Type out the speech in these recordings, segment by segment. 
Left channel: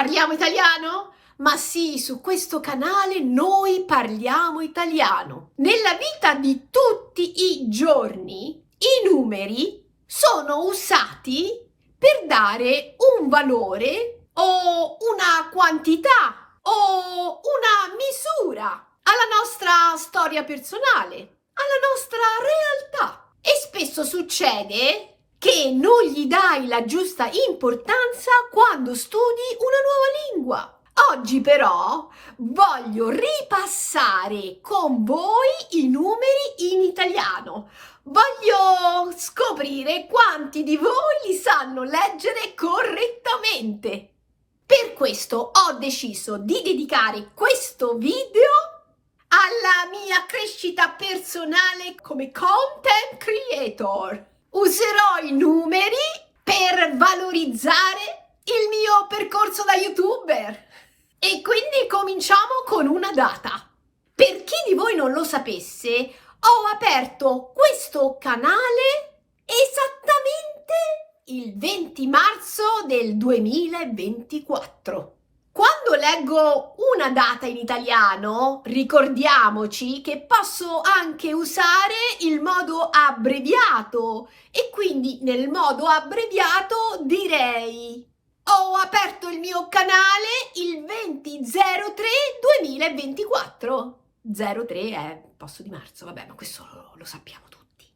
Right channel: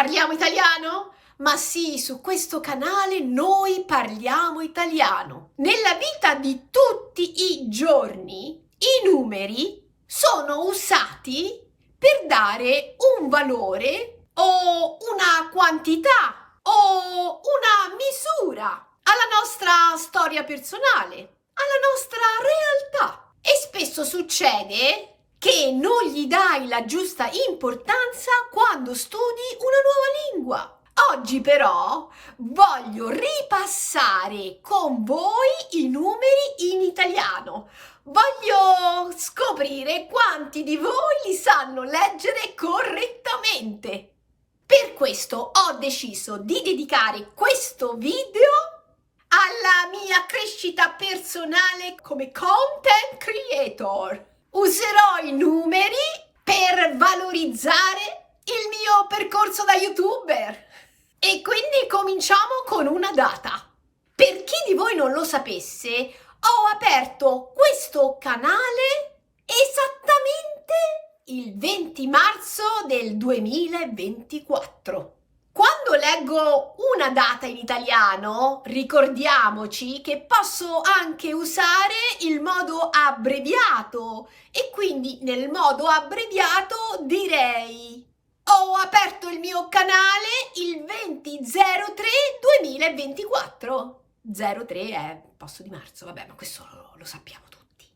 Parliamo italiano? Ma sì, su questo canale noi parliamo italiano. Nella vita di tutti i giorni i numeri sono usati per dare un valore o una quantità o una misura alla nostra storia personale, alla nostra realtà. E spesso succede che non gli dai la giusta importanza quando studi una nuova lingua. Oggi però voglio ripassare con voi i numeri in italiano. Voglio scoprire quanti di voi li sanno leggere correttamente. Per questo ho deciso di dedicare questo video alla mia crescita personale come content creator. Userò i numeri per valorizzare il mio percorso da YouTuber. E quindi cominciamo con una data. Per chi di voi non lo sapesse, ho aperto questo canale esattamente il 20 marzo del 2024. Quando leggo una data in italiano, ricordiamoci che posso anche usare il modo abbreviato e quindi nel modo abbreviato direi: ho aperto il mio canale il 20/03/2024. 03 è posto di marzo, vabbè, ma questo lo sappiamo tutti.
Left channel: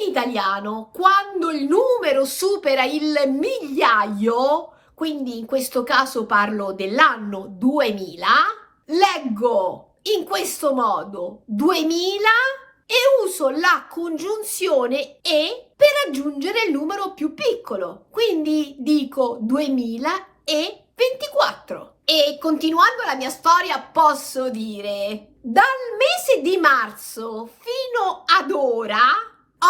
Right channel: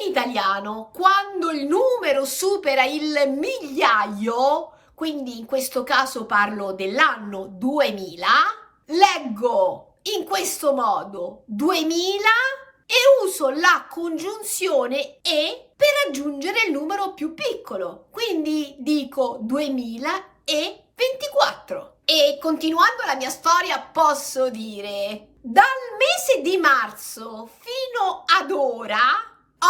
In italiano, quando il numero supera il migliaio, quindi in questo caso parlo dell'anno 2000, leggo in questo modo 2000 e uso la congiunzione e per aggiungere il numero più piccolo. Quindi dico 2024. E continuando la mia storia posso dire: dal mese di marzo fino ad ora,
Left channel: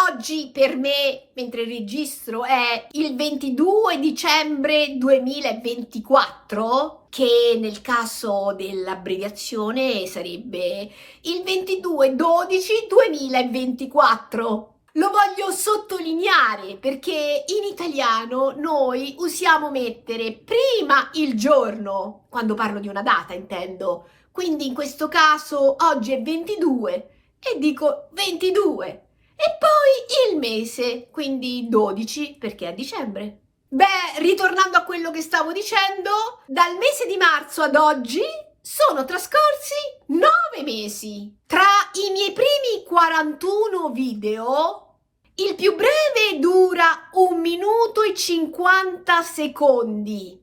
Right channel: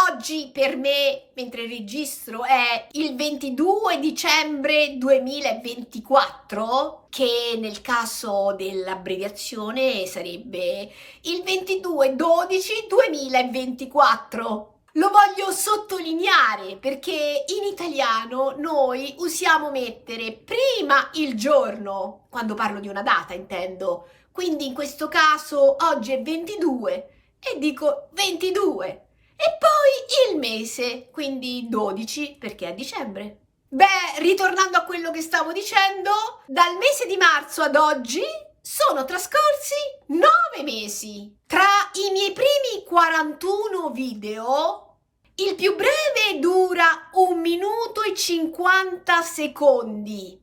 oggi per me, mentre registro, è il 22 dicembre 2024, che nel caso dell'abbreviazione sarebbe il 22/12/2024. Lo voglio sottolineare perché in italiano noi usiamo mettere prima il giorno, quando parlo di una data intendo, quindi in questo caso oggi è 22 e dico 22. E poi il mese, quindi 12 perché è dicembre. Beh, ritornando a quello che stavo dicendo, dal mese di marzo ad oggi sono trascorsi 9 mesi. Tra i miei primi 41 video, il più breve dura 1 minuto e 50 secondi.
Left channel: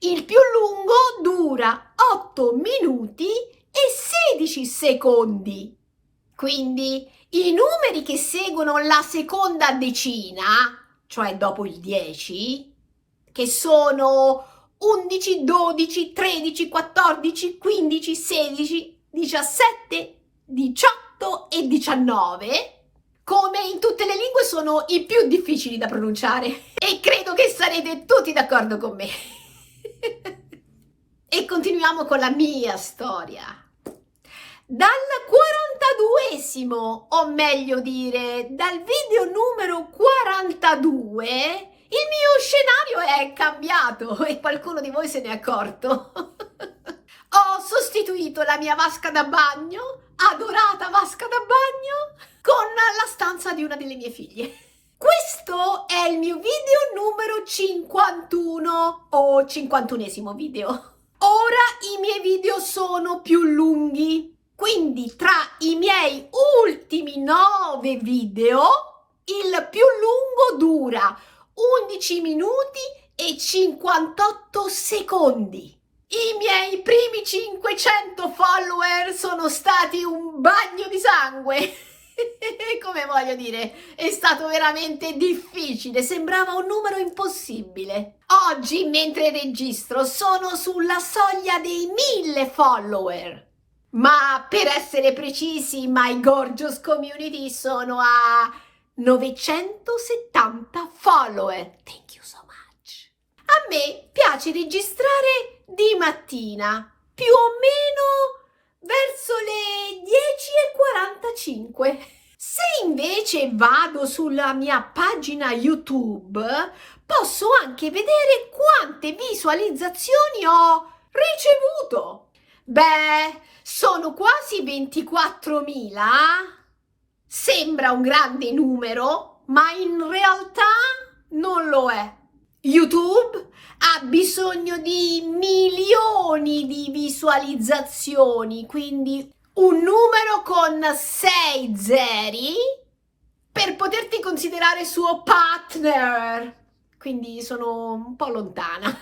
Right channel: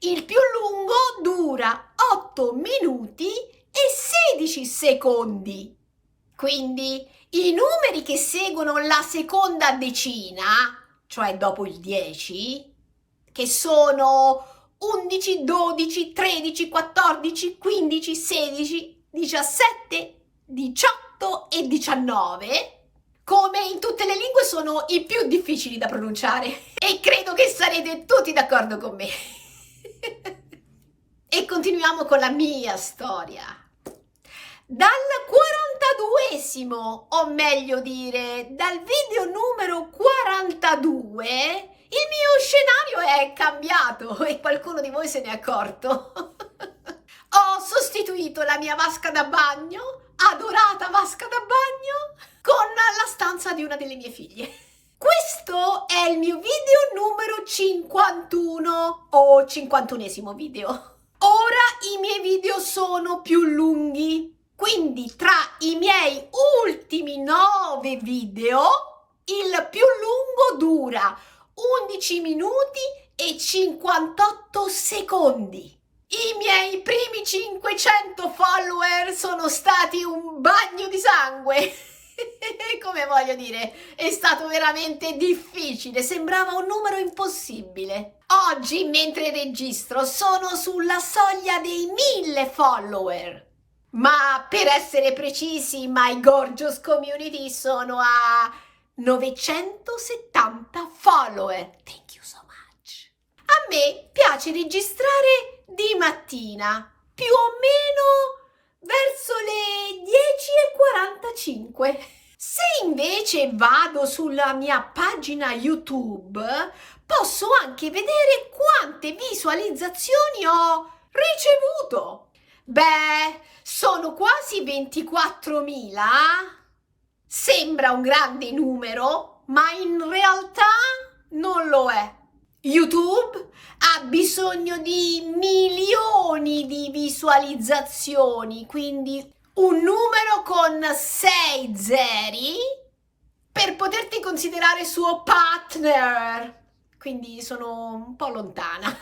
Il più lungo dura 8 minuti e 16 secondi. Quindi i numeri che seguono la seconda decina, cioè dopo il 10, che sono 11, 12, 13, 14, 15, 16, 17, 18 e 19, come in tutte le lingue sono i più difficili da pronunciare e credo che sarete tutti d'accordo con me. E continuiamo con la mia storia. Dal 42esimo, o meglio dire, dal video numero 42, il mio scenario è cambiato e qualcuno di voi se ne è accorto. Ho sostituito la mia vasca da bagno, adorata vasca da bagno, con la stanza di una delle mie figlie. Questo è il mio video numero 51 o 51esimo video. Ora i miei video sono più lunghi. Quindi tra i miei ultimi 9 video, il più lungo dura 11 minuti e 58 secondi. I miei primi 500 follower sono stati un bagno di sangue. Come voglio dire, è stato veramente difficile, sembrava un numero impossibile. Oggi, mentre registro, sono sulla soglia dei 1000 follower. Ma per essere precisi, My Gorgeous Community sono a 970 follower. Thank you so much. A me piace registrare di mattina, più o meno verso le 10:45. Se invece vado sulla mia pagina YouTube, posso anche vedere quante visualizzazioni ho ricevuto. Beh, sono quasi 24.000. Sembra un grande numero, ma in realtà non lo è. YouTube ha bisogno di milioni di visualizzazioni, quindi un numero con 6 zeri per poterti considerare suo partner. Quindi sono un po' lontana. Ma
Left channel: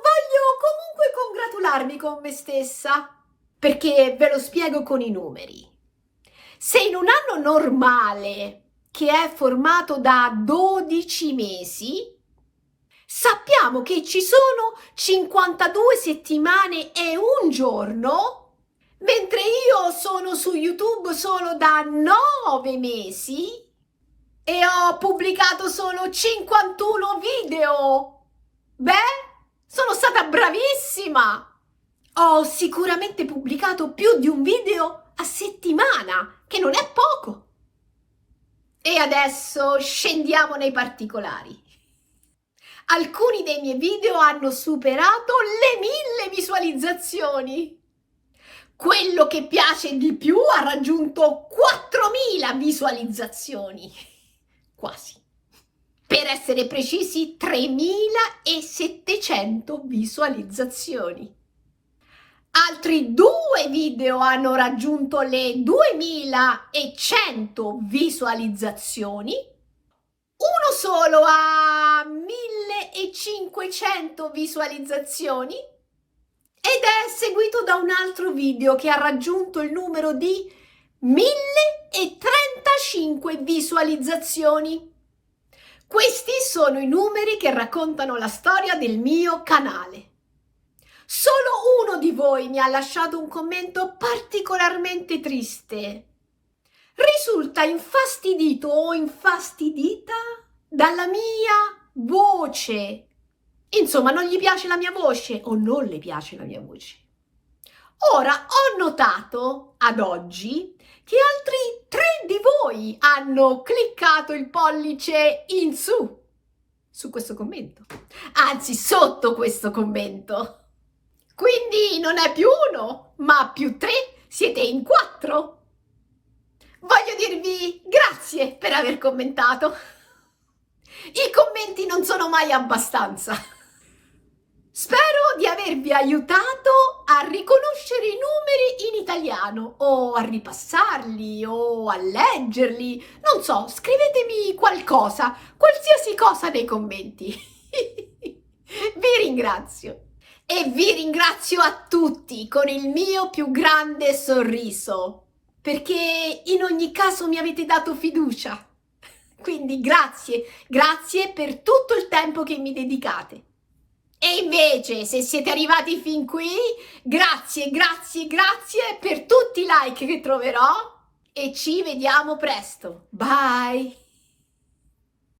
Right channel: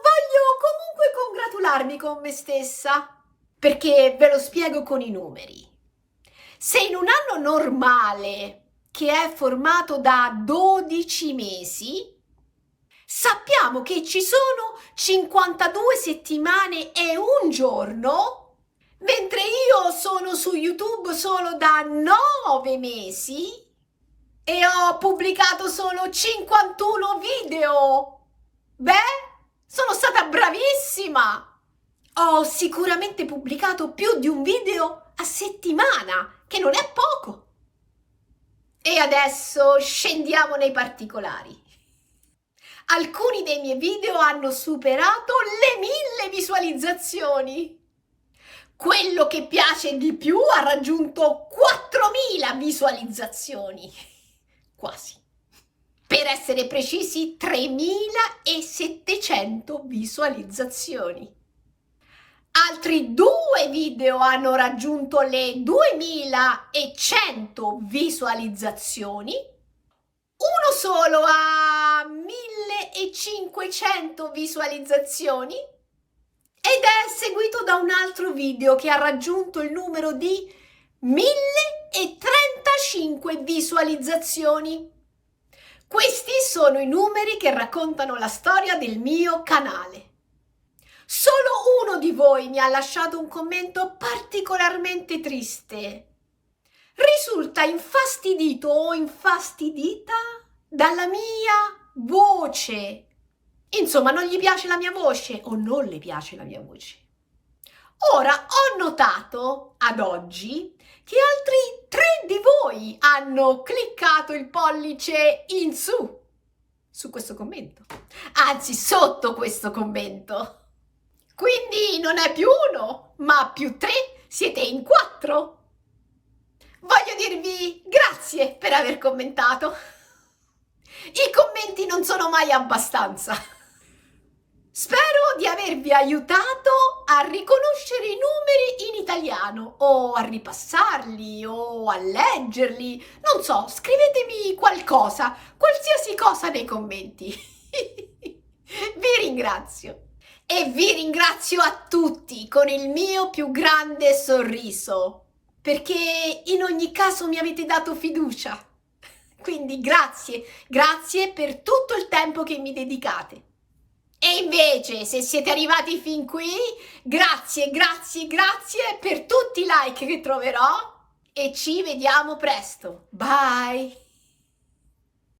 voglio comunque congratularmi con me stessa, perché ve lo spiego con i numeri. Se in un anno normale, che è formato da 12 mesi, sappiamo che ci sono 52 settimane e un giorno, mentre io sono su YouTube solo da 9 mesi e ho pubblicato solo 51 video. Beh, sono stata bravissima! Ho sicuramente pubblicato più di un video a settimana, che non è poco. E adesso scendiamo nei particolari. Alcuni dei miei video hanno superato le 1000 visualizzazioni. Quello che piace di più ha raggiunto 4000 visualizzazioni. Quasi. Per essere precisi, 3700 visualizzazioni. Altri 2 video hanno raggiunto le 2100 visualizzazioni. Uno solo ha 1500 visualizzazioni ed è seguito da un altro video che ha raggiunto il numero di 1035 visualizzazioni. Questi sono i numeri che raccontano la storia del mio canale. Solo uno di voi mi ha lasciato un commento particolarmente triste. Risulta infastidito o infastidita dalla mia voce. Insomma, non gli piace la mia voce o non le piace la mia voce. Ora, ho notato ad oggi che altri 3 di voi hanno cliccato il pollice in su questo commento. Anzi, sotto questo commento. Quindi non è più 1, ma più 3, siete in 4. Voglio dirvi grazie per aver commentato. I commenti non sono mai abbastanza. Spero di avervi aiutato a riconoscere i numeri in italiano o a ripassarli o a leggerli. Non so, scrivetemi qualcosa, qualsiasi cosa nei commenti. Vi ringrazio. E vi ringrazio a tutti con il mio più grande sorriso, perché in ogni caso mi avete dato fiducia. Quindi grazie per tutto il tempo che mi dedicate. E invece, se siete arrivati fin qui, grazie per tutti i like che troverò e ci vediamo presto. Bye!